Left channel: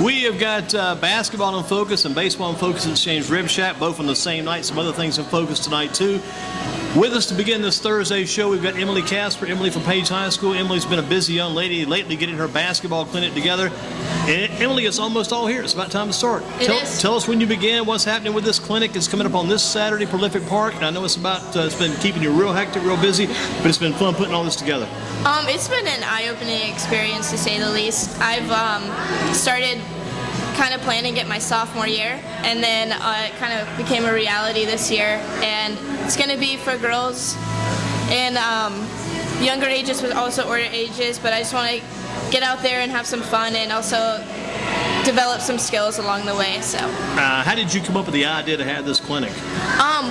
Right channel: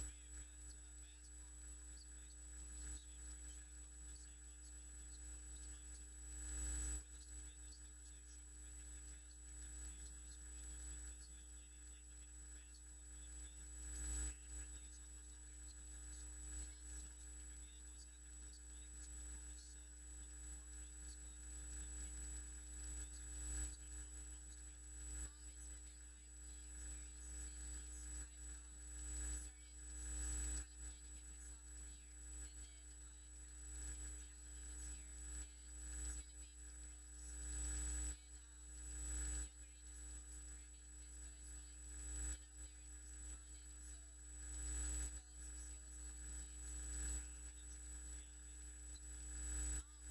We have got basketball in focus and baseball in focus at Exchange Rib Shack, both on the same night. Some other things in focus tonight, too. With us to begin this Thursday show, we've got Emily Casper. Emily from Page High School. Emily's been a busy young lady lately getting her basketball clinic together. And Emily, it's almost all here. It's about time to start. Tell us when you begin, what's happening with this clinic. It's coming up on this Saturday, Proehlific Park. And I know it's been keeping you real hectic, real busy, but it's been fun putting all this together. It's been an eye-opening experience, to say the least. I've started kind of planning it my sophomore year, and then it kind of became a reality this year. And it's going to be for girls in younger ages, but also older ages. But I just want to get out there and have some fun, and also develop some skills along the way. So, how did you come up with the idea to have this clinic?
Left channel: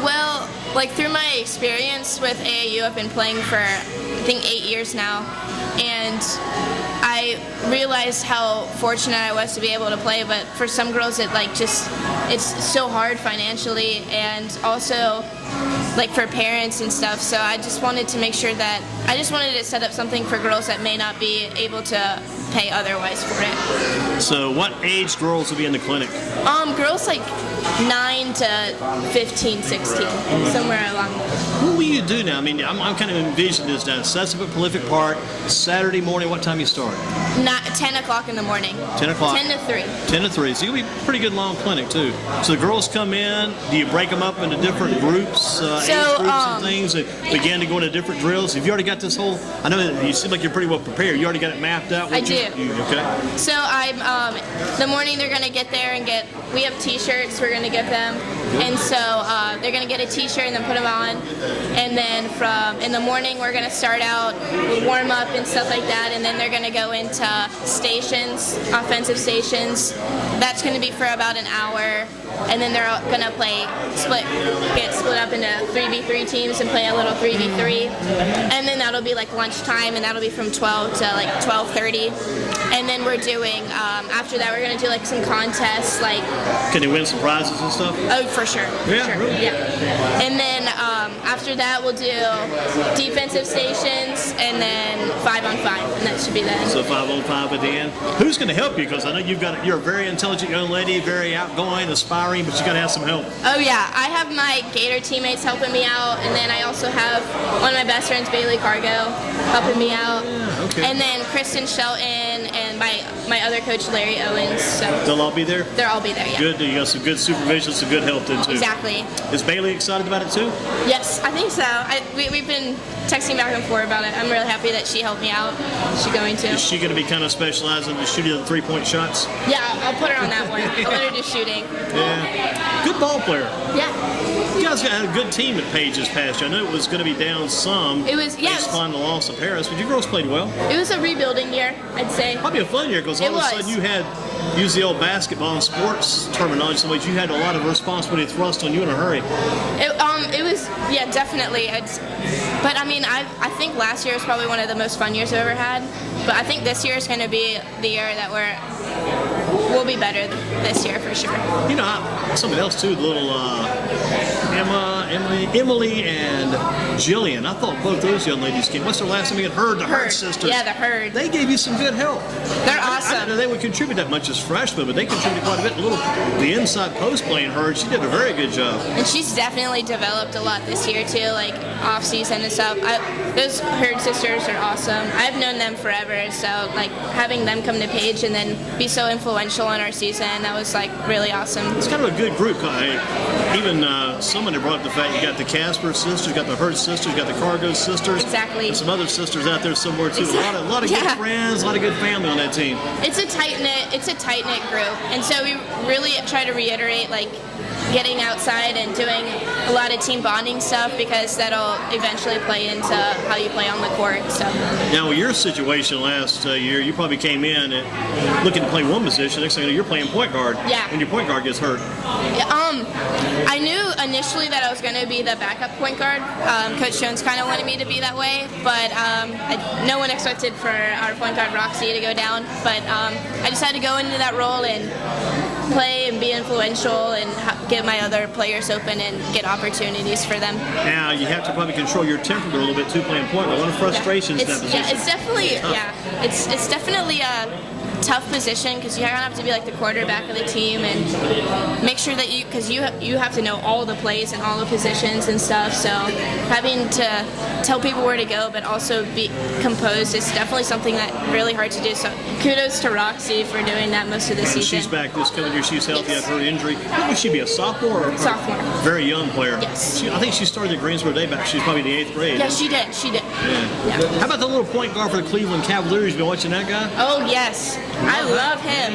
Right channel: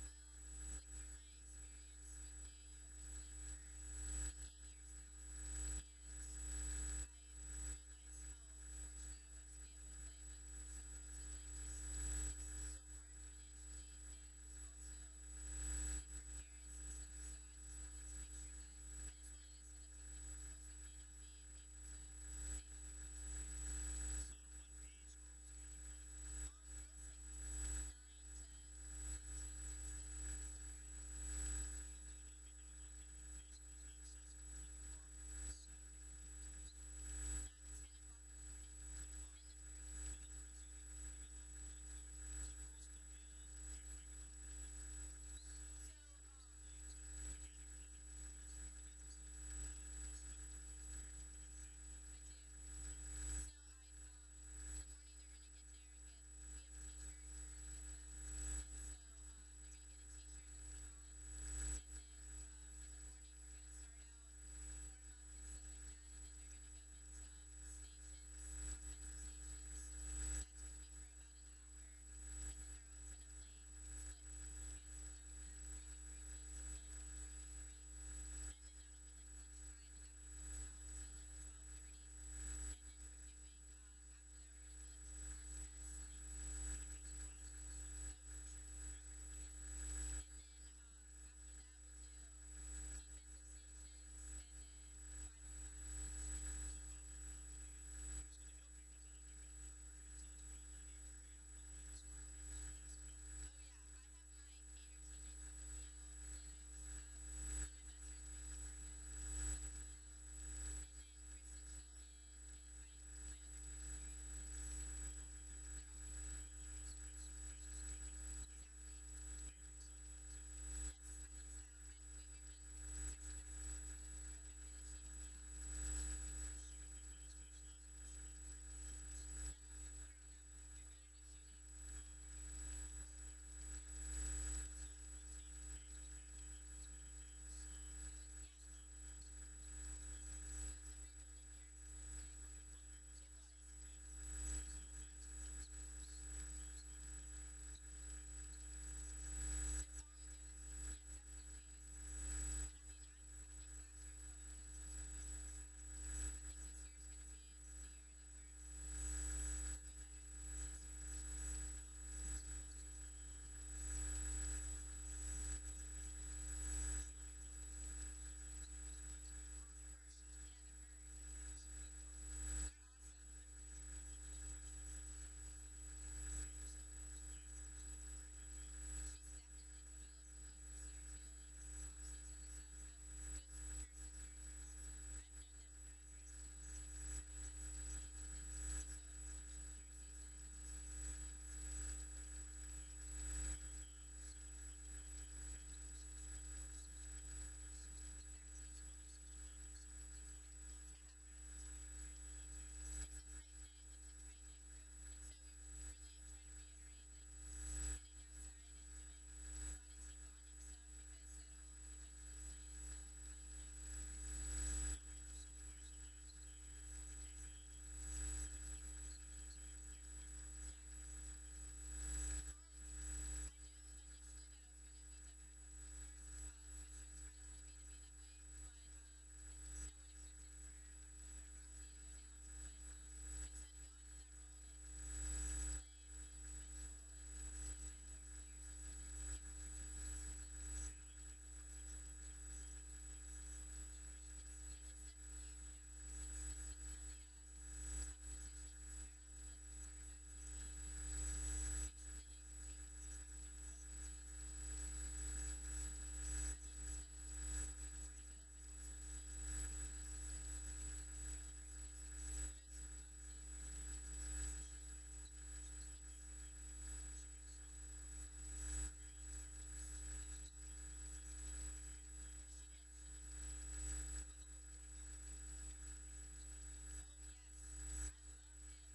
Well, like through my experience with AAU, I've been playing for I think 8 years now, and I realized how fortunate I was to be able to play. But for some girls, it's so hard financially, and also like for parents and stuff. So I just wanted to make sure that I just wanted to set up something for girls that may not be able to pay otherwise for it. So what age girls will be in the clinic? Girls like 9 to 15, 16, somewhere along there. What will you do now? I mean, I'm kind of envisioning this now. Sets up at Proehlific Park, Saturday morning. What time you start? 10 o'clock in the morning. 10 o'clock? 10 to 3. 10 to 3. So you'll be a pretty good long clinic, too. So the girls come in. Do you break them up into different groups, age groups and things, and begin to go into different drills? Have you already got this whole, I know that you seem like you're pretty well prepared. You already got it mapped out? I do. Okay. So the morning they're going to get there and we have t-shirts we're going to give them. And so they're going to get a t-shirt and then put them on. And then in the morning we're going to start out with warm up and stuff like that. And then they're going to go into stations, offensive stations. That's going to be for about an hour. And then they're going to get split up into 3v3 teams and play a little 3v3. And then that'll be like lunchtime, and that'll be from 12 to like 12:30. And then we're doing, after that, we're going to do like some contests. Can they win some prizes and stuff? Oh, for sure. Yeah, for sure. Really? Yeah. And then after that, we'll do defensive stations, and then 5-on-5, and that should be that. So 5-on-5 at the end. Who's going to help you? Because I know you're a very intelligent young lady, very outgoing, aspiring, but you got to have some help. Oh yeah, I have my Gator teammates helping me out, and then I also have one of my best friends, Bailey Cargo, helping me out. Yeah, okay. And then Kristen Shelton and my other coach, Larry Owens. So they'll all be there? They'll all be there, yeah. Good. You got some good supervision, some good help then too. Exactly. Is Bailey excited about it too? Yes, I think so. We've been texting back and forth about it. I'm really happy that she helped me out. She's going to. Is she going to be kind of specializing in shooting the three-point shots? Yeah, I'll put her on that one. I'll let her do shooting. Yeah. Good ball player. Yeah. You guys got a good team at Page this past year. I know it was going to be down some. It was, yeah. Based upon the loss of Harris, but you girls played well. It was a rebuilding year, I'd say. Probably a fun year because all of a sudden you had, use the old basketball and sports terminology, so you had a lot of responsibility thrust on you in a hurry. It was, yeah, definitely. But I mean, I think last year was probably one of the most fun years I've ever had. But I think this year is going to be the year that we'll be better this year for sure. You know, something else too, the little Emily and Jillian. I thought both those young ladies came. What's their last name again? The Hurd sisters. Yeah, the Hurd. They gave you some good help. They're awesome. I didn't know they would contribute that much as freshmen, but they contributed quite a bit. The inside post playing Hurd, she did a very good job. And she's definitely developed a lot this year too, like off season and stuff. Those Hurd sisters are awesome. I've known them forever, so like having them come to Page and then be so influential in our season, that was like really awesome. It's kind of a good group. Even someone had brought up the fact you got the Casper sisters, you got the Hurd sisters, you got the Cargo sisters. Exactly. And some other sisters out there somewhere too. Exactly. A lot of good friends, a lot of good family on that team. It's a tight knit group, and so we really try to reiterate like getting outside and doing a lot of team bonding stuff, because that'll eventually play into how you play on the court. So now, with your situation last year, you probably came in looking to play one position. Next thing you know, you're playing point guard. Yeah. When your point guard gets hurt. I knew initially that I was going to be the backup point guard. Coach Jones kind of wanted me to be that way, but no one expected for our point guard Roxy to go down. But I decided to go into that role and play and be influential and get my other players open and get opportunities for them. Now, you have to probably control your temper a little bit too, playing point. A lot of frustrations in that position. Yeah, it's definitely, it's definitely tough position because you have to be like the quarterback of the team and make sure that because you have to know all the plays and all the positions and stuff. So having to tell people where to go, but also be composed is definitely something that really hard to do. So kudos to Roxy for doing that most of the season. She's back this coming year. She's healthy after her injury. Would she be a sophomore or sophomore? Very young player. Yes. I think she started at Greensboro Day back. She's probably in the 8th grade. Yeah, she did. Yeah. How about the little point guard for the Cleveland Cavaliers? You been watching that guy? Oh yes, I love him.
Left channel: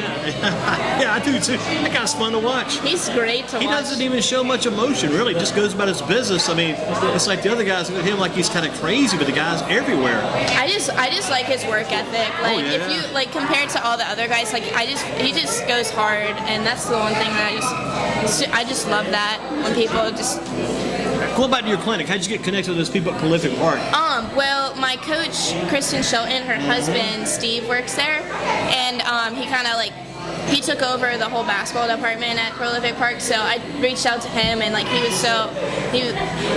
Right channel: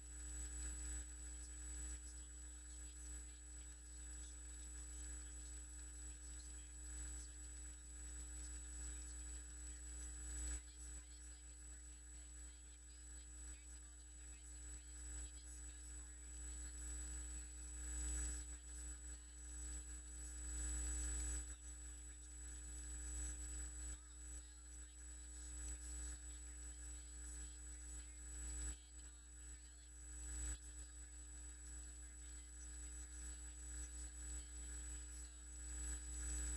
Yeah, I do too. That guy's fun to watch. He's great to watch. He doesn't even show much emotion, really. Just goes about his business. I mean, it's like the other guys look at him like he's kind of crazy, but the guy's everywhere. I just like his work ethic. Like if you like compared to all the other guys, like he just goes hard, and that's the one thing that I just love that when people just. Go back to your clinic. How'd you get connected with those people at Proehlific Park? Well, my coach, Kristen Shelton, her husband, Steve, works there, and he took over the whole basketball department at Proehlific Park, so I reached out to him, and like he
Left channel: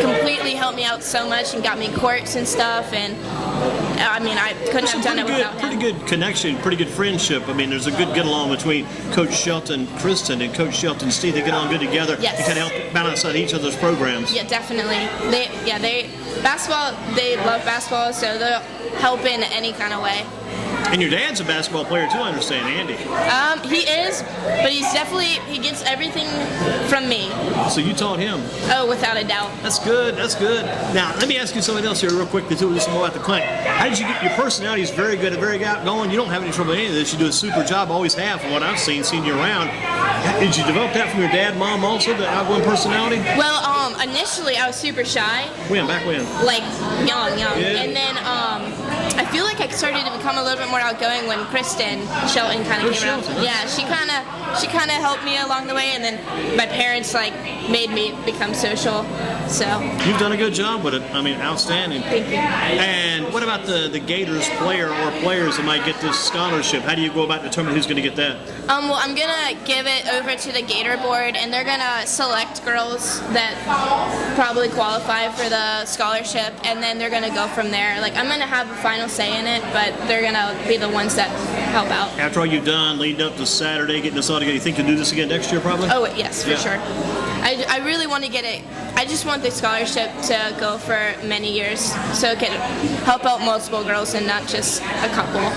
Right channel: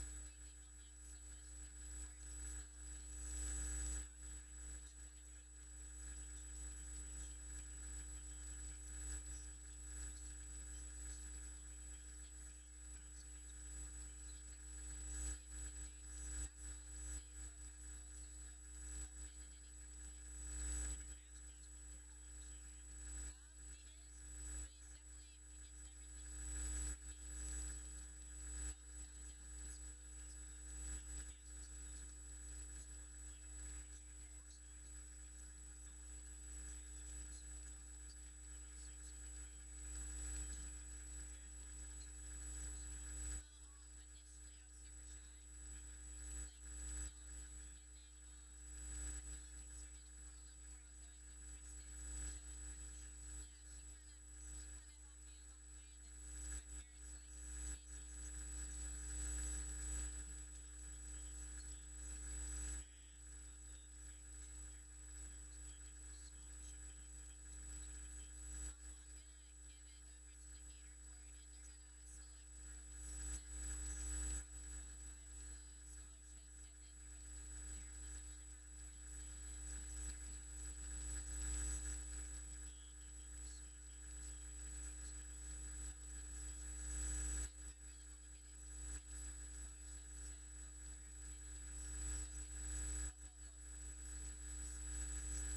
completely helped me out so much and got me courts and stuff, and I mean, I couldn't have done it without him. Pretty good connection, pretty good friendship. I mean, there's a good get-along between Coach Shelton, Kristen, and Coach Shelton, Steve. They get on good together. Yes. And kind of help balance out each other's programs. Yeah, definitely. They love basketball, so they'll help in any kind of way. And your dad's a basketball player too, I understand, Andy. He is, but he gets everything from me. So you taught him? Oh, without a doubt. That's good, that's good. Now, let me ask you something else here real quick, too, just more about the clinic. How did you get, your personality is very good and very outgoing. You don't have any trouble with any of this. You do a super job, always have, from what I've seen you around. Did you develop that from your dad, mom also, the outgoing personality? Well, initially I was super shy. Back when? Like, young. Yeah. And then, I feel like I started to become a little bit more outgoing when Kristen Shelton kind of came around. Yeah, she kind of helped me along the way, and then my parents like made me become social. So you've done a good job with it. I mean, outstanding. Thank you. And what about the Gators player or players that might get this scholarship? How do you go about determining who's going to get that? Well, I'm gonna give it over to the Gator board, and they're gonna select girls that probably qualify for the scholarship, and then they're gonna go from there. Like, I'm gonna have a final say in it, but they're gonna be the ones that help out. After all you've done, leading up to Saturday, getting this all together, you think you'll do this again next year, probably? Oh yes, for sure. I really want to get it. I just want the scholarship to go for many years, so it can help out multiple girls and not just a couple.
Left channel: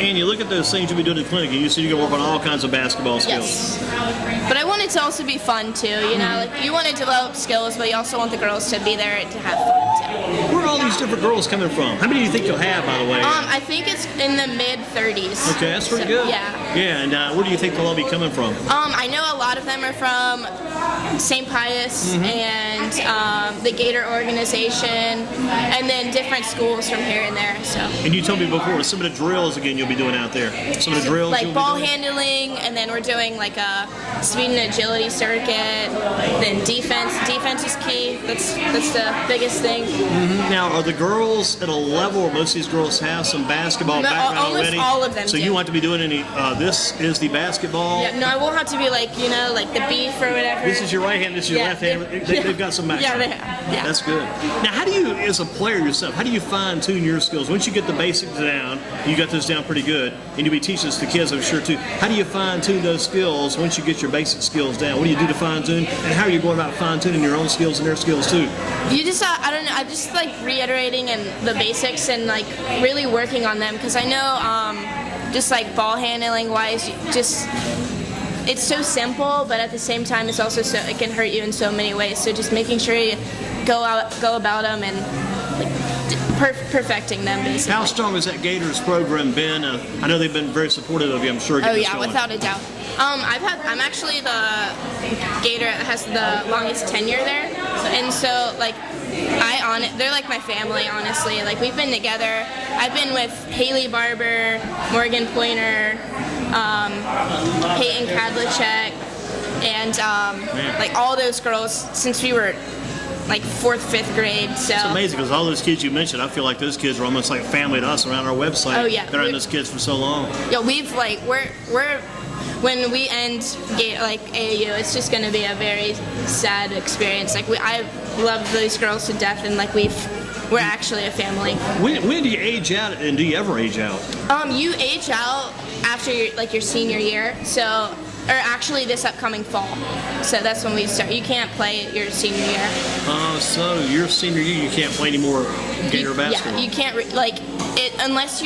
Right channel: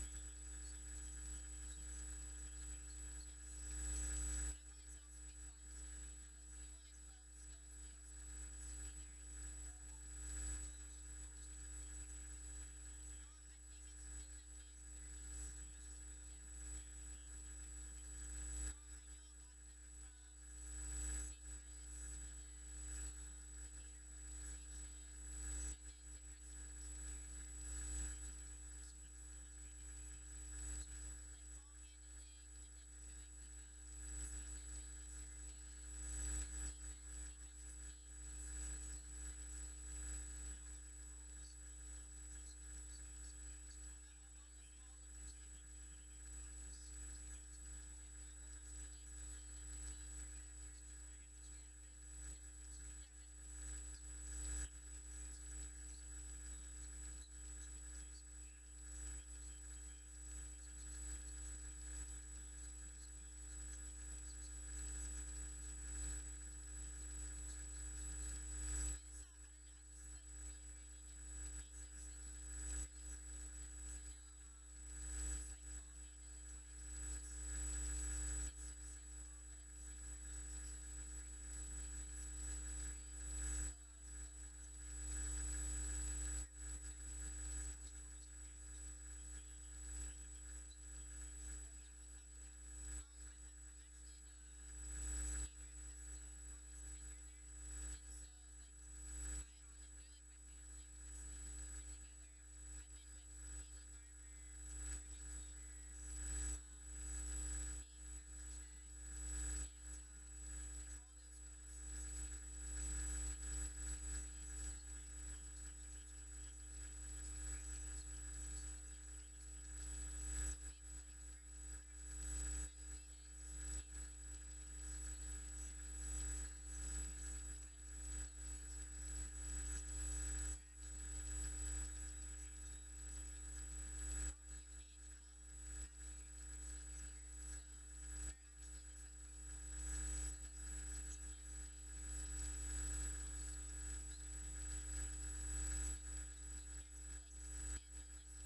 And you look at those things you'll be doing in the clinic, and you see you're going to work on all kinds of basketball skills. Yes. But I want it to also be fun, too. You know, like you want to develop skills, but you also want the girls to be there to have fun, too. Where are all these different girls coming from? How many do you think you'll have, by the way? I think it's in the mid-30s. Okay, that's pretty good. Yeah. Yeah, and where do you think they'll all be coming from? I know a lot of them are from St. Pius and the Gator organization, and then different schools from here and there. So. And you told me before, some of the drills, again, you'll be doing out there. Some of the drills like you'll ball be doing? handling, and then we're doing like a speed and agility circuit. Then defense. Defense is key. That's the biggest thing. Now, are the girls at a level where most of these girls have some basketball background already? Almost all of them So do. you want to be doing any, this is the basketball? Yeah, no, I won't have to be like, like the beef or whatever. This is your right hand, this is your left hand. They've got some background. Yeah, they have. Yeah. That's good. Now, how do you, as a player yourself, how do you fine-tune your skills? Once you get the basics down, you got those down pretty good, and you'll be teaching this to kids, I'm sure, too. How do you fine-tune those skills once you get your basic skills down? What do you do to fine-tune, and how are you going about fine-tuning your own skills and their skills, too? You just, I don't know, I just like reiterating and the basics and like really working on them, because I know just like ball handling wise, just it's so simple, but at the same time it's also so it can hurt you in so many ways. So just making sure you go about them and like perfecting them, basically. How strong has that Gators program been? I know they've been very supportive of you, I'm sure. Oh yeah, without a doubt. I'm actually the Gator that has the longest tenure there, and so like they're like my family, honestly. Like we've been together. I've been with Haley Barber, Morgan Pointer, Peyton Kadlicek, and like all those girls since we were like 4th, 5th grade. So it's amazing because all those kids you mentioned, I feel like those kids are almost like family to us around our website. Oh yeah, been around those kids for so long. Yeah, we're when we end like AAU, it's just going to be a very sad experience. Like I love those girls to death, and like we're actually a family. When do you age out, and do you ever age out? You age out after your senior year. So, or actually this upcoming fall. So that's when we start. You can't play your senior year. So your senior year, you can't play any more Gator basketball. Yeah, you can't unless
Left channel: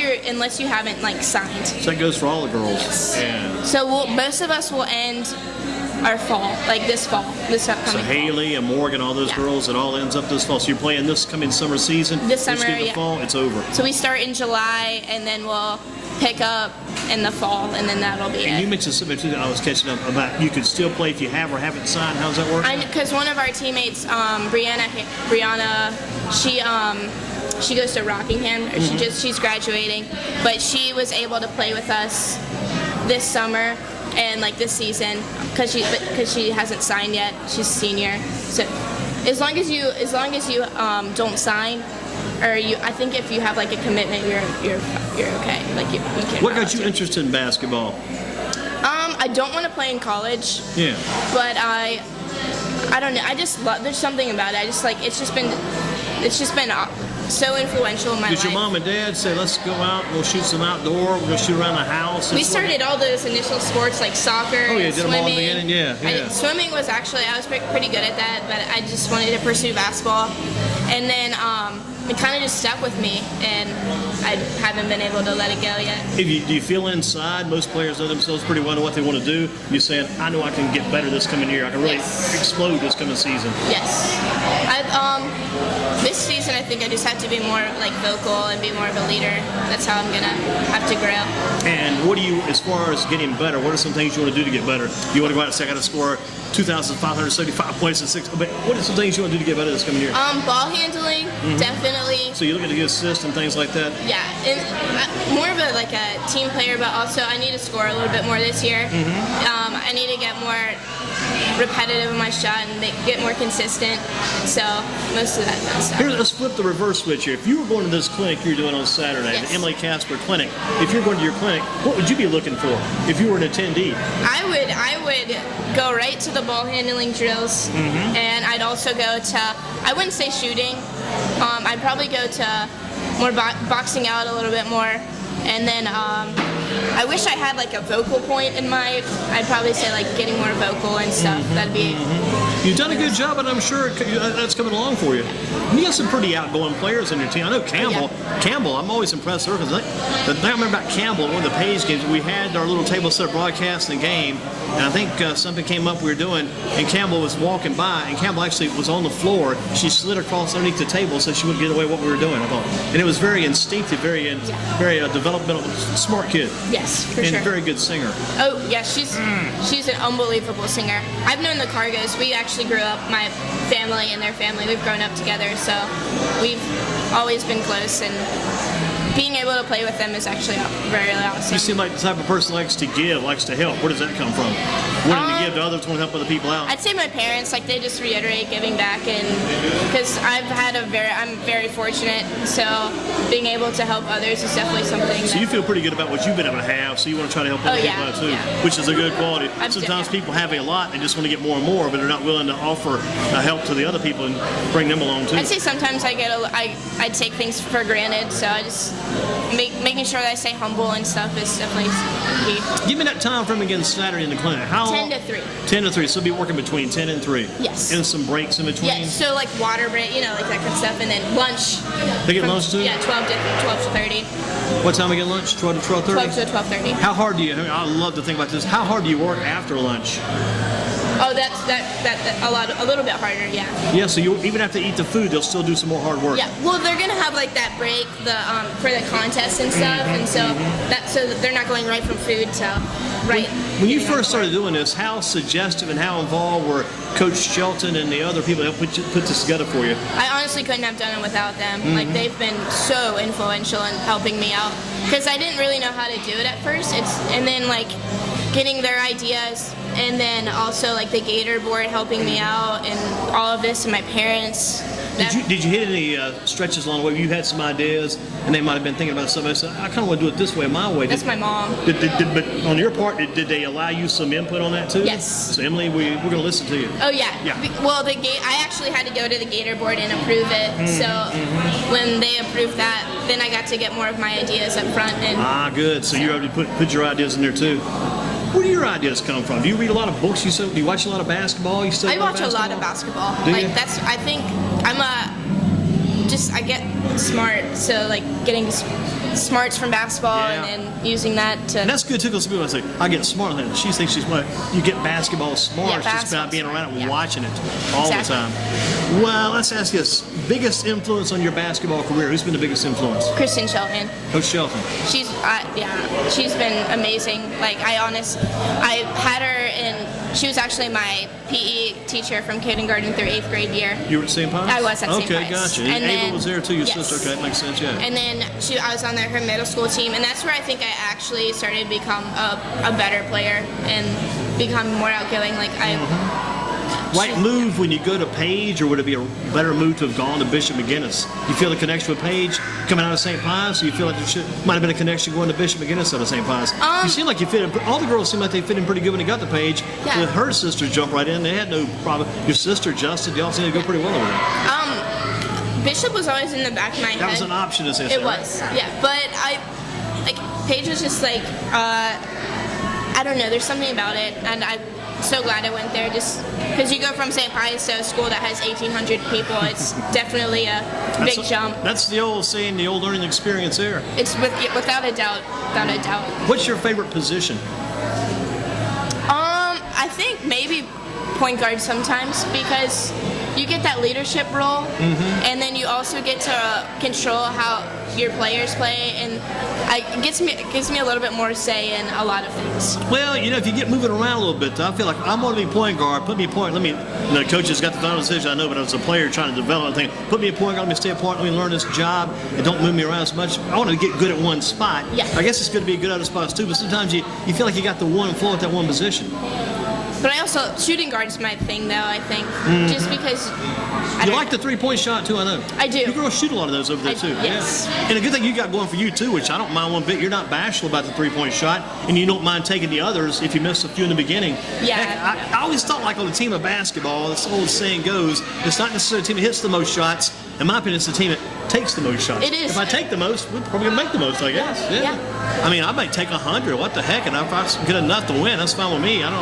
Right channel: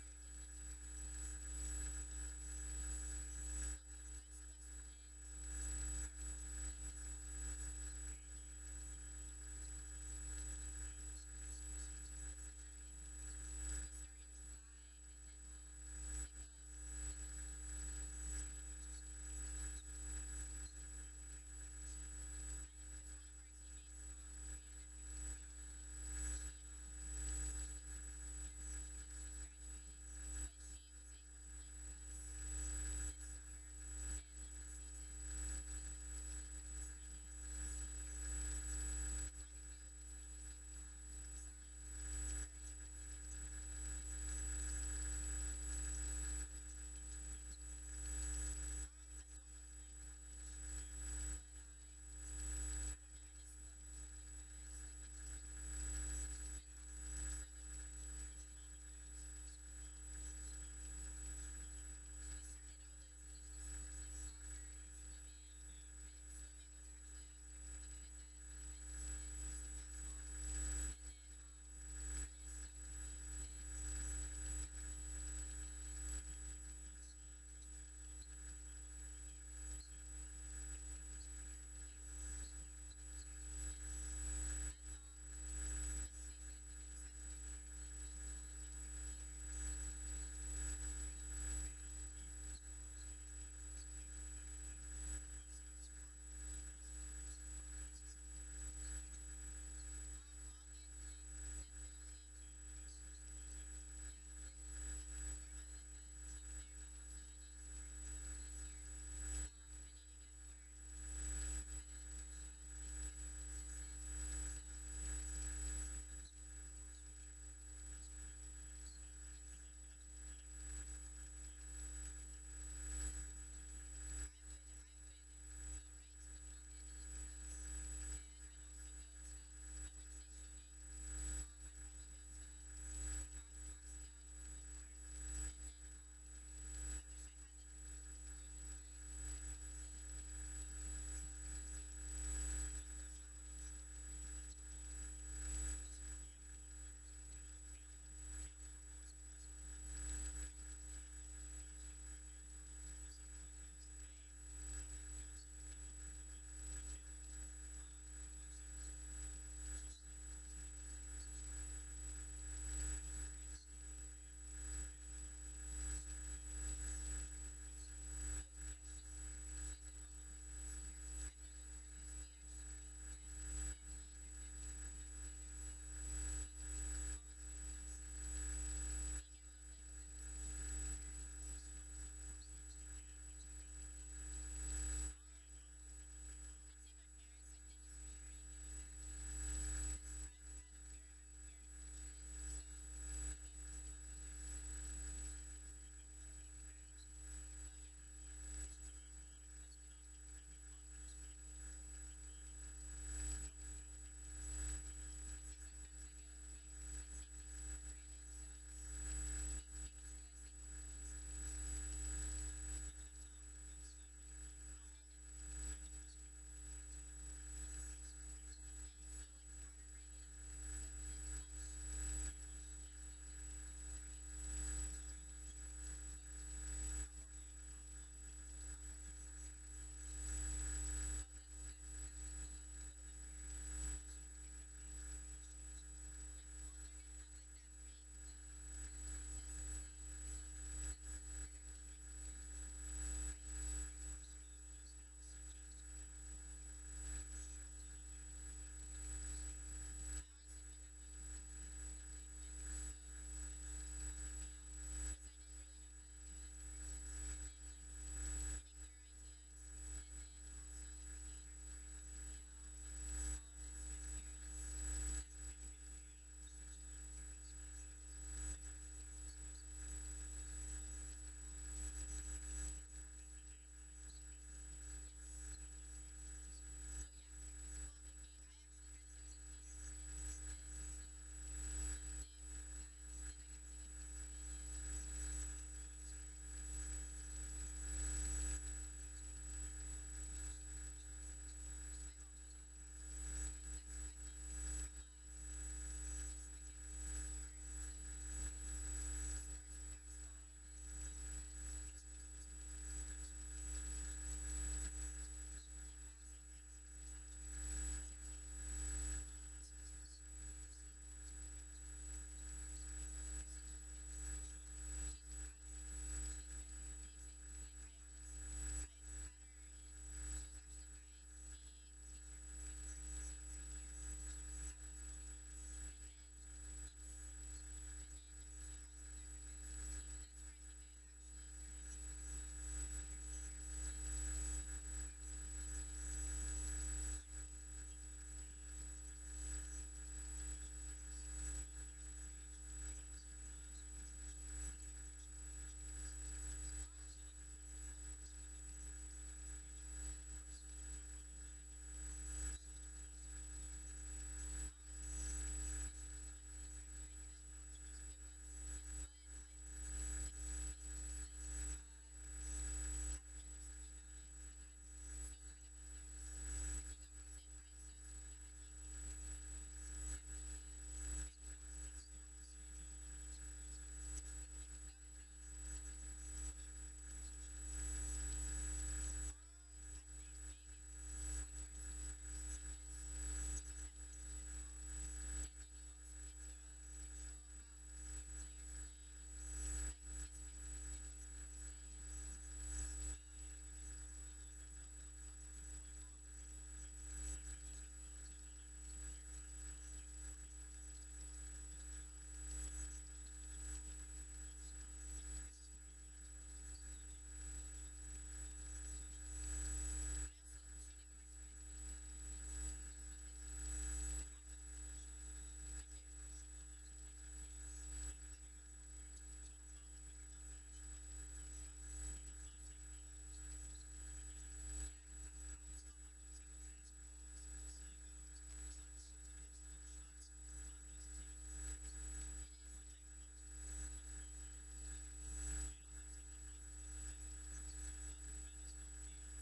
you haven't signed. So that goes for all the girls. Yes. Yeah. So most of us will end our fall, this upcoming So Haley and Morgan, all those girls, it all ends up this fall. So you're playing this coming summer season. This summer, the fall, it's over. So we start in July, and then we'll pick up in the fall, and then that'll be and it. you mentioned something too that I was catching up about. You could still play if you have or haven't signed. How does that work? Because one of our teammates, Brianna, she goes to Rockingham. Or she's graduating, but she was able to play with us this summer and this season because she hasn't signed yet. She's a senior. So as long as you don't sign, or I think if you have a commitment, you're okay. You can. What got you interested in basketball? I don't want to play in college. Yeah. But I don't know. I just love. There's something about it. I just it's just been so influential in my life. Did your mom and dad say, let's go out, we'll shoot some outdoor, we're going to shoot around the house? We started all those initial sports like soccer and did swimming. them all in the beginning? Yeah. Swimming was I was pretty good at that, but I just wanted to pursue basketball. And then it kind of just stuck with me, and I haven't been able to let it go yet. Do you feel inside, most players know themselves pretty well, know what they want to do? You're saying, I know I can get better this coming year. I can really explode this coming season. Yes. This season, I think I just have to be more vocal and be more of a leader. That's how I'm going to have to grow. And what do you, as far as getting better, what are some things you want to do to get better? You want to go out and say, I got to score 2,575 points in 6. But what are some things you want to do to get better this coming year? Ball handling, definitely. So you're looking to get assists and things like that? Yeah, and more of a team player, but also I need to score a little bit more this year. I need to get more repetitive in my shot and get more consistent. So most of that kind of stuff. Here, let's flip the reverse switch here. If you were going to this clinic you're doing on Saturday, the Emily Casper clinic, if you're going to your clinic, what would you be looking for if you were an attendee? I would go right to the ball handling drills, and I'd also go to, I wouldn't say shooting, I'd probably go to more boxing out a little bit more, and then I wish I had a vocal point in my, I'd probably say getting more vocal and stuff. That'd be. You've done a good job, and I'm sure that's coming along for you. And you got some pretty outgoing players on your team. I know Campbell. Campbell, I'm always impressed with her because the thing I remember about Campbell, one of the Page games, we had our little table set up broadcasting the game, and I think something came up we were doing, and Campbell was walking by, and Campbell actually was on the floor. She slid across underneath the table so she wouldn't get away with what we were doing, I thought. And it was very instinctive, very developmental, smart kid. Yes, for sure. And very good singer. Oh, yeah, she's an unbelievable singer. I've known the Cargos. We actually grew up, my family and their family, we've grown up together, so we've always been close, and being able to play with them is actually very awesome. You seem like the type of person who likes to give, likes to help. Where does that come from? Wanting to give to others, want to help other people out? I'd say my parents, they just reiterate giving back, and because I'm very fortunate, so being able to help others is definitely something. So you feel pretty good about what you've been able to have, so you want to try to help other people out too, which is a good quality. Sometimes people have a lot and just want to get more and more, but they're not willing to offer help to the other people and bring them along too. I'd say sometimes I take things for granted, so I just making sure that I stay humble and stuff is definitely key. Give me that time frame again Saturday in the clinic. How 10 to 3. 10 to 3, so be working between 10 and 3. Yes. And some breaks in between? Yeah, so water break, that kind of stuff, and then lunch. They get lunch too? Yeah, 12 to 30. What time we get lunch? 12 to 12:30? 12 to 12:30. How hard do you, I love to think about this, how hard do you work after lunch? Oh, that's a little bit harder, yeah. Yeah, so you even after eat the food, they'll still do some more hard work. Yeah, well, they're gonna have that break, for the contest and stuff, and so they're not going right from food to right. When you first started doing this, how suggestive and how involved were Coach Shelton and the other people that put this together for you? I honestly couldn't have done it without them. They've been so influential in helping me out because I didn't really know how to do it at first. And then getting their ideas. And then also the Gator board helping me out and all of this, and my parents. Did you hit any stretches along the way? You had some ideas, and they might have been thinking about something. So I kind of want to do it this way, my way. That's my mom. But on your part, did they allow you some input on that too? Yes. So Emily, we're going to listen to you. Oh yeah. Yeah. Well, I actually had to go to the Gator board and approve it. So when they approved that, then I got to get more of my ideas up front. And good. So you already put your ideas in there too. Where do your ideas come from? Do you read a lot of books? Do you watch a lot of basketball? You study I watch a lot of basketball. Do you? I think I get smart. So like getting smarts from basketball and using that to. And that's good too, because people say, I get smart. And she thinks she's smart. You get basketball smart. Yeah, it's just about being around it and watching it all the time. Well, let's ask you this. Biggest influence on your basketball career? Who's been the biggest influence? Kristen Shelton. Coach Shelton. She's been amazing. Like I had her in. She was actually my PE teacher from kindergarten through 8th grade year. You were at St. Pius? I was at St. Pius. Okay, gotcha. And Ava was there too, your sister. Okay, that makes sense, yeah. And then I was on her middle school team, and that's where I think I actually started to become a better player and become more outgoing. Like Right move when you go to Page, or would it be a better move to have gone to Bishop McGinnis? You feel the connection with Page coming out of St. Pius, or you feel like there might have been a connection going to Bishop McGinnis out of St. Pius? You seem like you fit in. All the girls seem like they fit in pretty good when they got to Page. Yeah. With her sister jumped right in. They had no problem. Your sister, Justin, y'all seem to go pretty well over there. Bishop was always in the back of my head. That was an option, as they say. It was, yeah. But Paige was just like, I don't know, there's something about it, and I'm so glad I went there, just because you go from St. Pius to a school that has 1,800 people. It's definitely a big jump. That's the old saying, the old learning experience there. It's without a doubt, What's your favorite position? I think maybe point guard sometimes, because you get that leadership role, and then you also get to control how your players play, and it gives me a little bit more say in a lot of things. Well, if you get moving around a little bit, I feel like I'm going to be point guard. Put me point. Coach has got the final decision, I know, but as a player trying to develop, I think, put me a point guard. Let me stay a point. Let me learn this job, and don't move me around so much. I want to get good at one spot. Yeah. I guess it's good to be good at other spots too, but sometimes you feel like you got the one flow at that one position. But I also, shooting guard's my thing, though, I think. Just because You like the three-point shot, too, I know. I do. You girls shoot a lot of those over there, too. Yes. Yeah. And a good thing you got going for you, too, which I don't mind one bit. You're not bashful about the three-point shot, and you don't mind taking the others if you miss a few in the beginning. Yeah. Heck, I always thought, like on a team of basketball, this old saying goes, it's not necessarily the team that hits the most shots. In my opinion, it's the team that takes the most shots. It is. If I take the most, we're probably going to make the most, I guess. Yeah. I mean, I might take 100. What the heck? And if I get enough to win, that's fine with me. And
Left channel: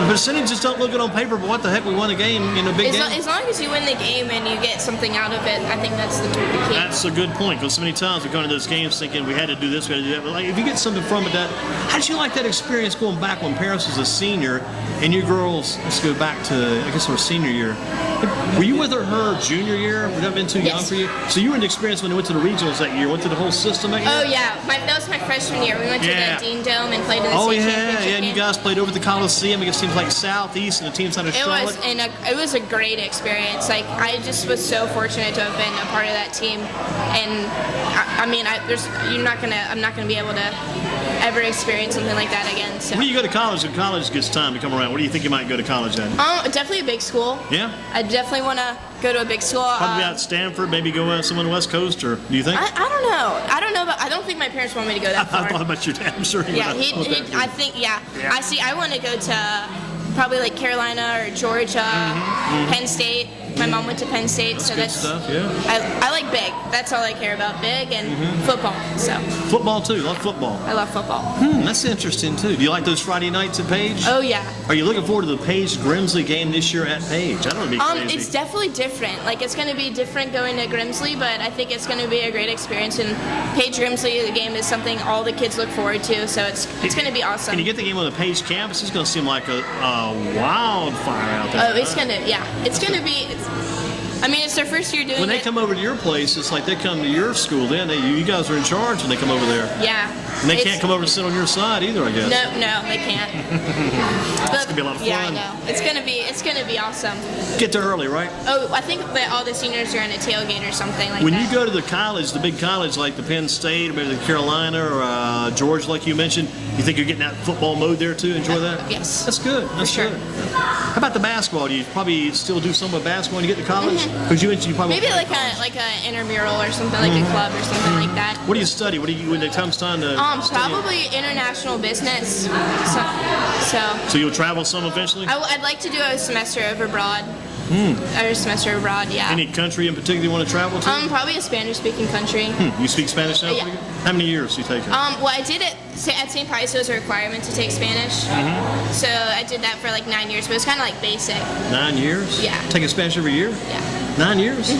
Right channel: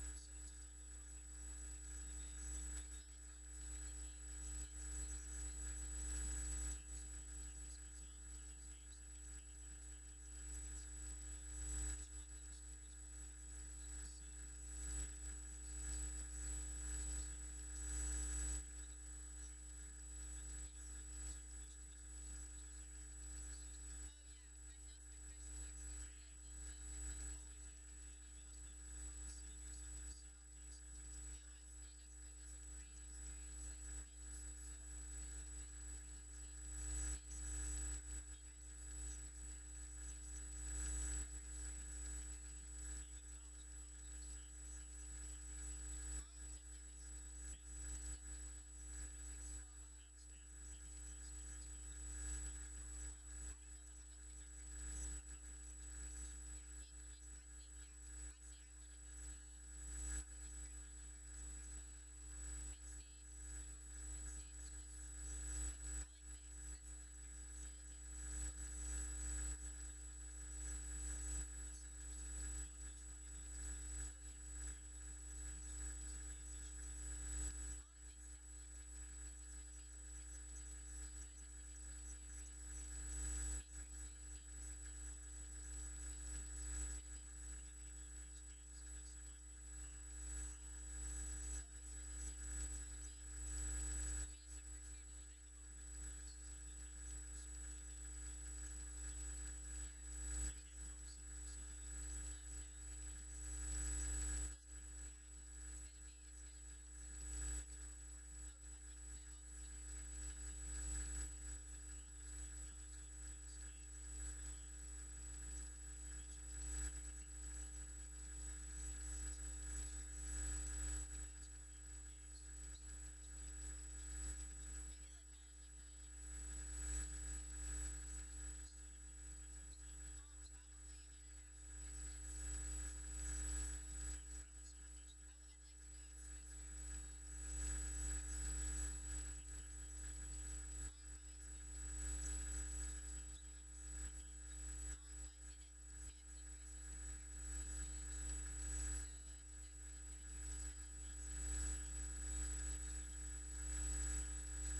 the percentages don't look good on paper, but what the heck? We won a game in a big game. As long as you win the game and you get something out of it, I think that's the key. That's a good point, because so many times we go into those games thinking we had to do this, we had to do that. But if you get something from it, how did you like that experience going back when Paris was a senior and you girls, let's go back to, I guess, her senior year. Were you with her junior year? Would that have been too young for you? So you were in the experience when you went to the regionals that year, went to the whole system that year? Oh, yeah. That was my freshman year. We went to the Dean Dome and played in the state championship game. And you guys played over the Coliseum against teams like Southeast and the teams out of Charlotte. It was a great experience. Like, I just was so fortunate to have been a part of that team. And I'm not gonna be able to ever experience something like that again. So. When you go to college, when college gets time to come around, what do you think you might go to college at? Definitely a big school. Yeah. I definitely want to go to a big school. Probably out Stanford, maybe go somewhere on the West Coast, or do you think? I don't know, but I don't think my parents want me to go that far. I thought about your dad. I'm sure he Yeah, would. I think. I want to go to probably like Carolina or Georgia, Penn State. My mom went to Penn State, so that's good stuff. Yeah. I like big. That's all I care about, big and football. So. Football too. Love football. I love football. That's interesting too. Do you like those Friday nights at Page? Oh yeah. Are you looking forward to the Page Grimsley game this year at Page? I don't know. Be crazy. It's definitely different. Like, it's going to be different going to Grimsley, but I think it's going to be a great experience. And Page Grimsley, the game is something all the kids look forward to, so it's going to be awesome. Can you get the game on the Page campus? It's going to seem like a wildfire out there. Oh, it's going to be. It's their first year doing it. When they come over to your place, it's like they come to your school. Then you guys are in charge when they come over there. Yeah. And they can't come over and sit on your side either, I guess. No, they can't. It's gonna be a lot of fun. Yeah, I know. It's gonna be awesome. Get there early, right? Oh, I think that all the seniors are in a tailgate or something like when that. You go to the college, the big college like the Penn State, or maybe the Carolina or Georgia, like you mentioned, you think you're getting that football mode there too? Enjoy that? Yes. That's good. That's For sure. good. How about the basketball? Do you probably still do some with basketball when you get to college? Because you mentioned you probably maybe like a intramural or something, like a club or something like that. What do you study? What do you when it comes time to? Probably international business. So you'll travel some eventually? I'd like to do a semester over abroad. Our semester abroad, yeah. Any country in particular you want to travel to? Probably a Spanish-speaking country. You speak Spanish now? Yeah. How many years do you take it? Well, I did it at St. Pius. It was a requirement to take Spanish. So I did that for like 9 years, but it was kind of like basic. 9 years? Yeah. Taking Spanish every year? Yeah. 9 years?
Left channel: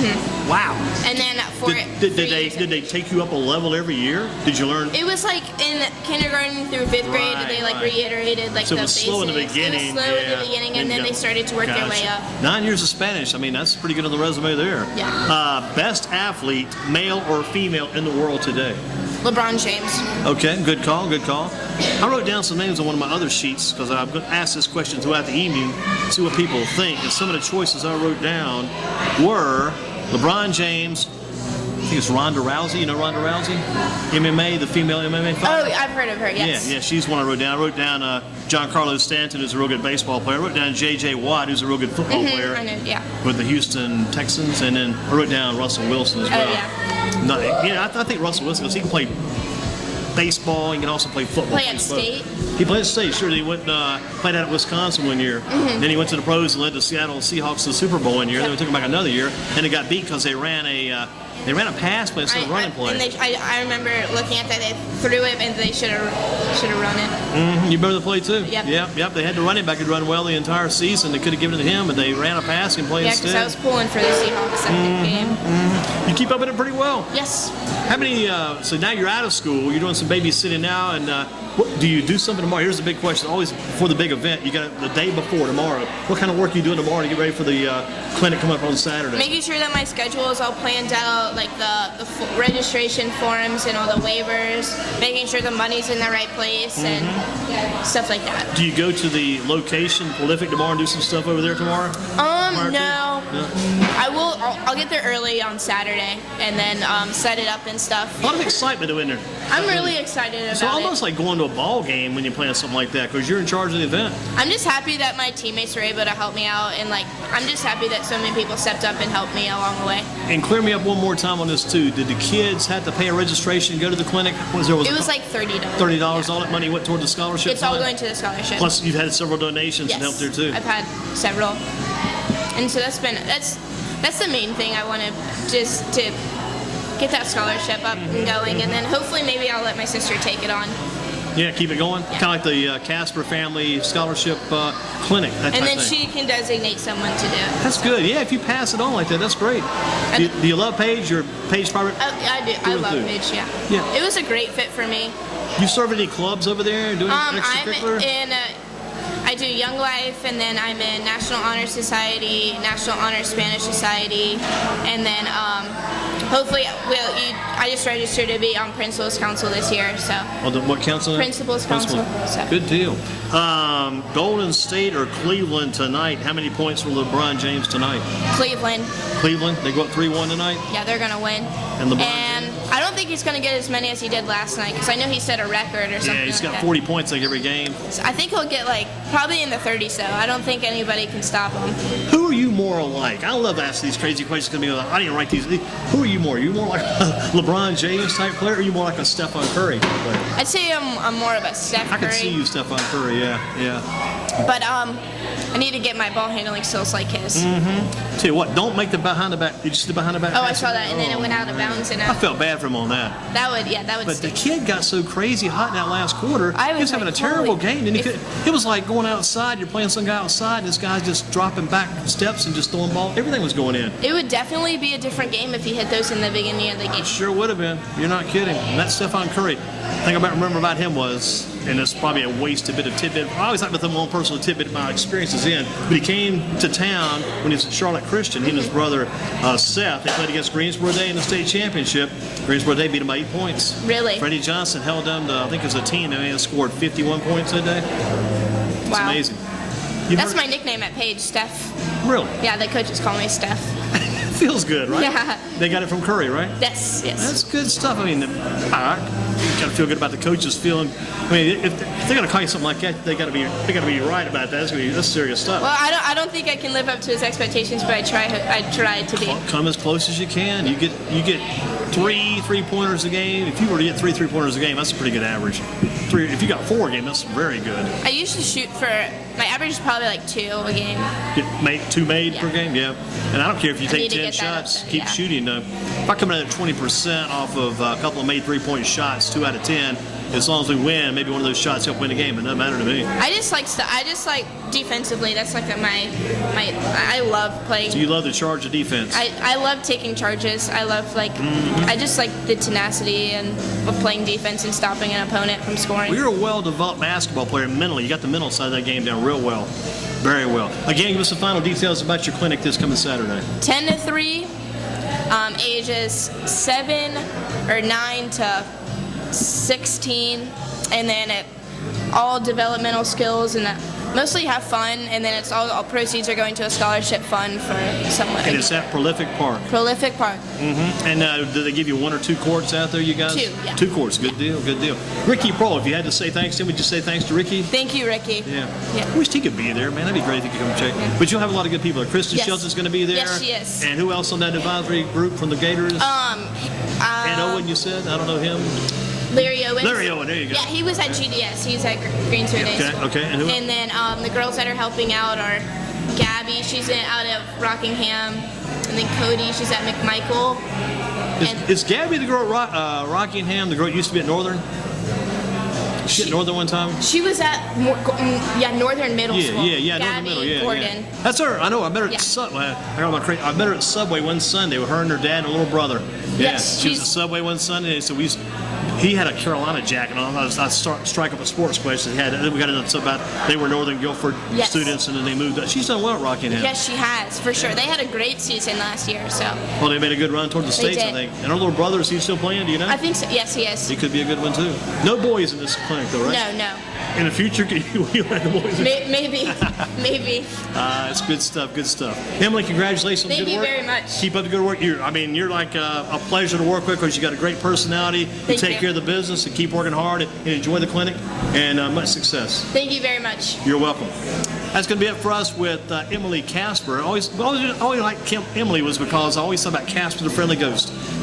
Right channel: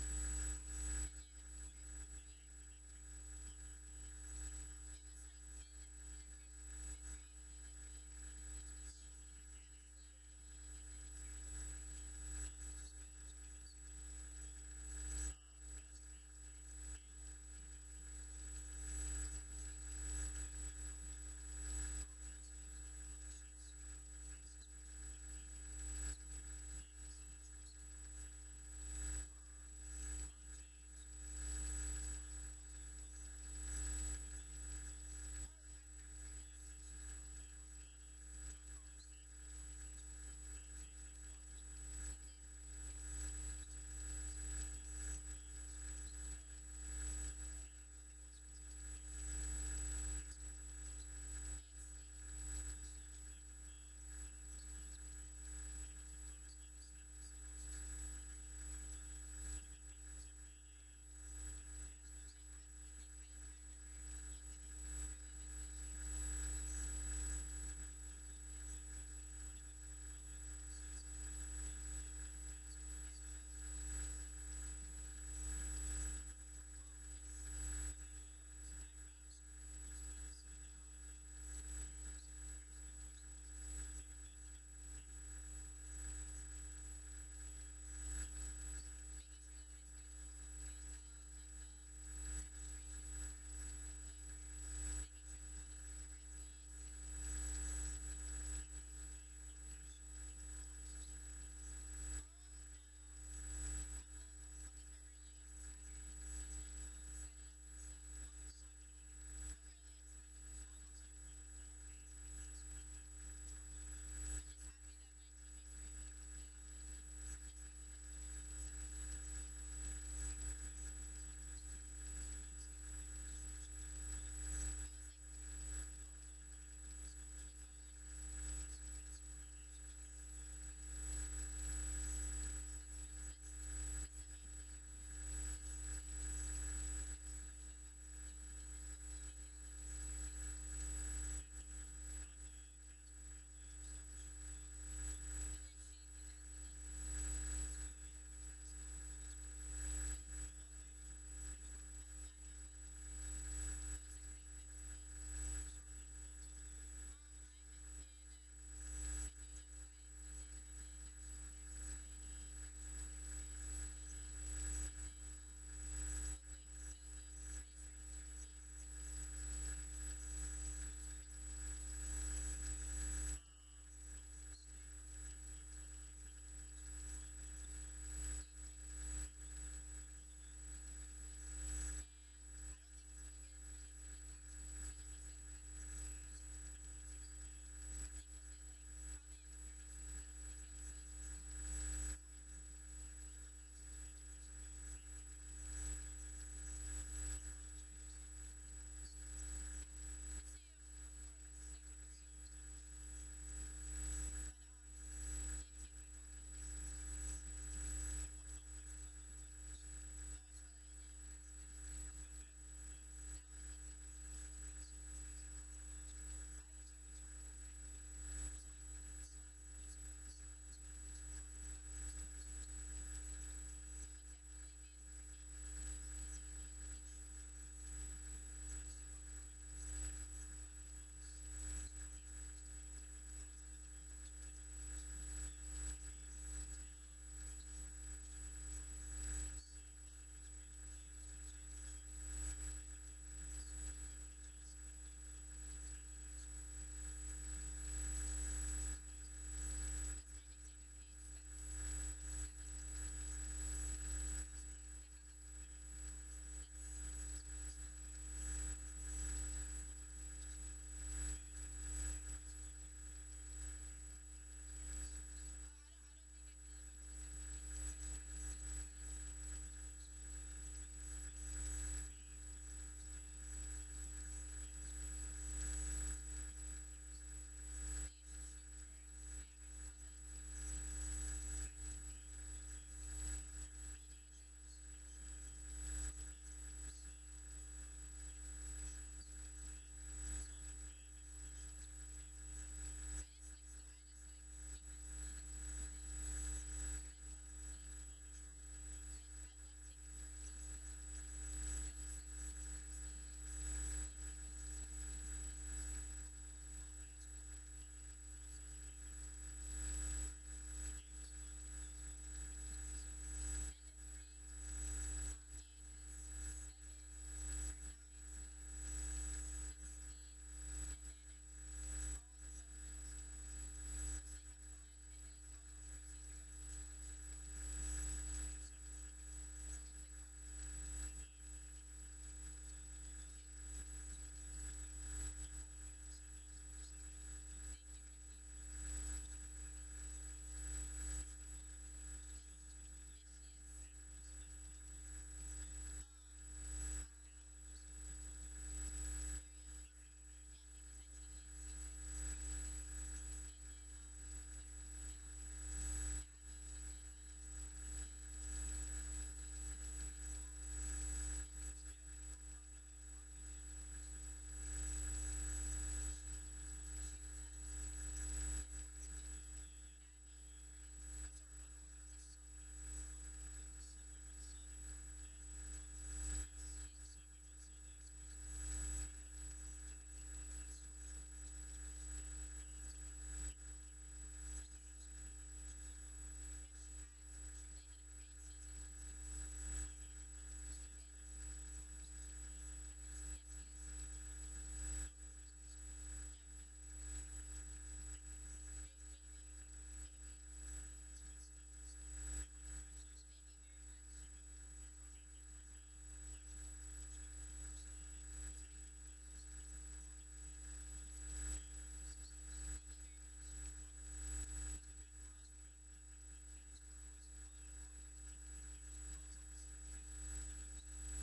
Wow. And then for Did they take you up a level every year? Did you learn? It was like in kindergarten through 5th grade, Right, they like right. reiterated like So it the was basics. slow in the beginning, It was slow in yeah. the beginning, Then and you then got- they started to work their way Gotcha. up. 9 years of Spanish. I mean, that's pretty good on the resume there. Yeah. Best athlete, male or female, in the world today? LeBron James. Okay, good call, good call. I wrote down some names on one of my other sheets because I'm going to ask this question throughout the evening, see what people think. And some of the choices I wrote down were LeBron James, I think it's Ronda Rousey. You know Ronda Rousey? MMA, the female MMA fighter. Oh, I've heard of her. Yes. Yeah, she's one I wrote down. I wrote down Giancarlo Stanton, who's a real good baseball player. I wrote down J.J. Watt, who's a real good football player I know. Yeah. with the Houston Texans. And then I wrote down Russell Wilson as well. Oh, yeah. No, yeah, I think Russell Wilson, because he can play baseball, he can also play football. Play at State. He played at State, sure. He went played out at Wisconsin one year. Then he went to the pros and led the Seattle Seahawks to the Super Bowl one year. Then we took him back another year, and they got beat because they ran a pass play instead of running play. And I remember looking at that. They threw it, and they should have run it. You remember the play too? Yep. Yep. They had the running back who'd run well the entire season. They could have given it to him, but they ran a pass and played Yeah, because I instead. was pulling for the Seahawks that game. You keep up with it pretty well. Yes. How many? So now you're out of school. You're doing some babysitting now, and what, do you do something tomorrow? Here's the big question. Always before the big event, you got the day before tomorrow. What kind of work are you doing tomorrow to get ready for the clinic coming up on Saturday? Making sure that my schedule is all planned out, like the registration forms and all the waivers, making sure the money's in the right place and stuff like that. Do you go to the location, Proehlific, tomorrow and do some stuff over there tomorrow? Tomorrow, No. too? No? I will. I'll get there early on Saturday and then set it up and stuff. A lot of excitement in there. I'm really excited about So it. almost like going to a ball game when you're playing something like that because you're in charge of the event. I'm just happy that my teammates were able to help me out, and like I'm just happy that so many people stepped up and helped me along the way. And clear me up one more time on this too. Did the kids have to pay a registration to go to the clinic? It was like $30. $30. All that money went toward the scholarship. It's all fund? going to the scholarship. Plus, you've had several donations and help there too. I've had several, and so that's the main thing. I want to just to get that scholarship up and going, and then hopefully maybe I'll let my sister take it on. Yeah, keep it going. Yeah. Kind of like the Casper Family Scholarship Clinic. That And type then thing. she can designate someone to do it. That's good. Yeah, if you pass it on like that, that's great. Do you love Paige? Your Paige private? I do. I Through and love through. Paige. Yeah. Yeah. It was a great fit for me. You serve any clubs over there? Doing I'm extracurricular? in. I do Young Life, and then I'm in National Honor Society, National Honor Spanish Society, and then hopefully, I just registered to be on Principals Council this year, so. What council? Principals Council. So. Good deal. Golden State or Cleveland tonight? How many points for LeBron James tonight? Cleveland, Cleveland, they go up 3-1 tonight? yeah, they're gonna win. And LeBron And I don't think he's gonna get as many as he did last night, because I know he set a record or something. Yeah, he's like got that. 40 points like every game. So I think he'll get like probably in the 30s. So I don't think anybody can stop him. Who are you more like? I love asking these crazy questions because I didn't write these. Who are you more? Are you more like a LeBron James type player, or are you more like a Stephon Curry type player? I'd say I'm more of a Steph I Curry. can see you, Stephon Curry. Yeah. But I need to get my ball handling skills like his. Tell you what, don't make the behind the back. Did you see the behind the back? Oh, I pass? saw that, and then it went out of man. bounds. And I felt bad for him on that. that would But the stick. kid got so crazy hot in that last quarter. I He was was having a like, terrible holy- game. And it was like going outside. You're playing some guy outside, and this guy's just dropping back steps and just throwing ball. Everything was going in. It would definitely be a different game if he hit those in the beginning of the game. Sure would have been. You're not kidding. And that Stephon Curry. The thing I remember about him was, and it's probably a wasted bit of tidbit. I always like to put my own personal tidbit my experiences in. But he came to town when he was at Charlotte Christian. He and his brother Seth. They played against Greensboro Day in the state championship. Greensboro Day beat him by 8 points. Really? Freddie Johnson held them to, I think as a team, they may have scored 51 points that day. It's Wow. amazing. You That's heard- my nickname at Page, Steph. Really? Yeah, the coaches call me Steph. Feels good, right? Yeah. They got it from Curry, right? Yes. That's good stuff. I mean, you got to feel good about the coaches feeling. I mean, if they're going to call you something like that, they got to be right about that. That's serious stuff. Well, I don't think I can live up to his expectations, but I try to be. Come as close as you can. You get 3 3-pointers a game. If you were to get 3 3-pointers a game, that's a pretty good average. If you got 4 a game, that's very good. I usually shoot for, my average is probably like 2 a game. Get 2 made Yeah. per game, yeah. And I don't care if you I take need to 10 get that up shots, there, keep yeah. shooting. If I come in at 20% off of a couple of made 3-point shots, 2 out of 10, as long as we win, maybe one of those shots help win a game. It doesn't matter to me. I just like defensively. That's like I love playing. So you love the charge of defense. I love taking charges. I love I just like the tenacity and of playing defense and stopping an opponent from scoring. Well, you're a well-developed basketball player mentally. You got the mental side of that game down real well. Very well. Again, give us the final details about your clinic this coming Saturday. 10 to 3, ages 7 or 9 to 16, and then all developmental skills and mostly have fun, and then it's all proceeds are going to a scholarship fund for someone. And it's at Proehlific Park. Proehlific Park. And do they give you 1 or 2 courts out there, you guys? 2, yeah. 2 courts. Good deal, good deal. Ricky Pro, if you had to say thanks to him, would you say thanks to Ricky? Thank you, Ricky. Yeah. Yeah. I wish he could be there, man. That'd be great if he could come check. Yeah. But you'll have a lot of good people. Kristen Yes. Shelton's going to be there. Yes, she is. And who else on that advisory group from the Gators? And Owen, you said? I don't know him. Larry Owens. Larry Owen, there you go. Yeah, he was at GDS. He's at Greensboro Day School. Okay. And who? And then the girls that are helping out are Gabby. She's out of Rockingham. And then Cody. She's at McMichael. Is Gabby the girl at Rockingham, the girl that used to be at Northern? She at Northern one time? She was at Northern Middle School. Yeah, Northern Gabby Middle, yeah. Gordon. That's her. I know. I met her Yeah. at Subway. I met her at Subway one Sunday with her and her dad and her little brother. Yeah, Yes, she was she's- at Subway one Sunday. So he had a Carolina jacket on. I strike up a sports question. We got into something about they were Northern Guilford Yes. students, and then they moved up. She's done well at Rockingham. Yes, she has, for sure. They had a great season last year, so Well, they made a good run toward the States, I did. think. And her little brother, is he still playing? Do you know? I think so. Yes, he is. He could be a good one, too. No boys in this clinic, though, right? No. In the future, you'll have the boys. Maybe. It's good stuff, good stuff. Emily, congratulations on Thank good you work. very much. Keep up the good work. You're like a pleasure to work with because you got a great personality. You Thank take you. care of the business and keep working hard and enjoy the clinic, and much success. Thank you very much. You're welcome. That's going to be it for us with Emily Casper. Always like Emily was because I always thought about Casper the Friendly Ghost.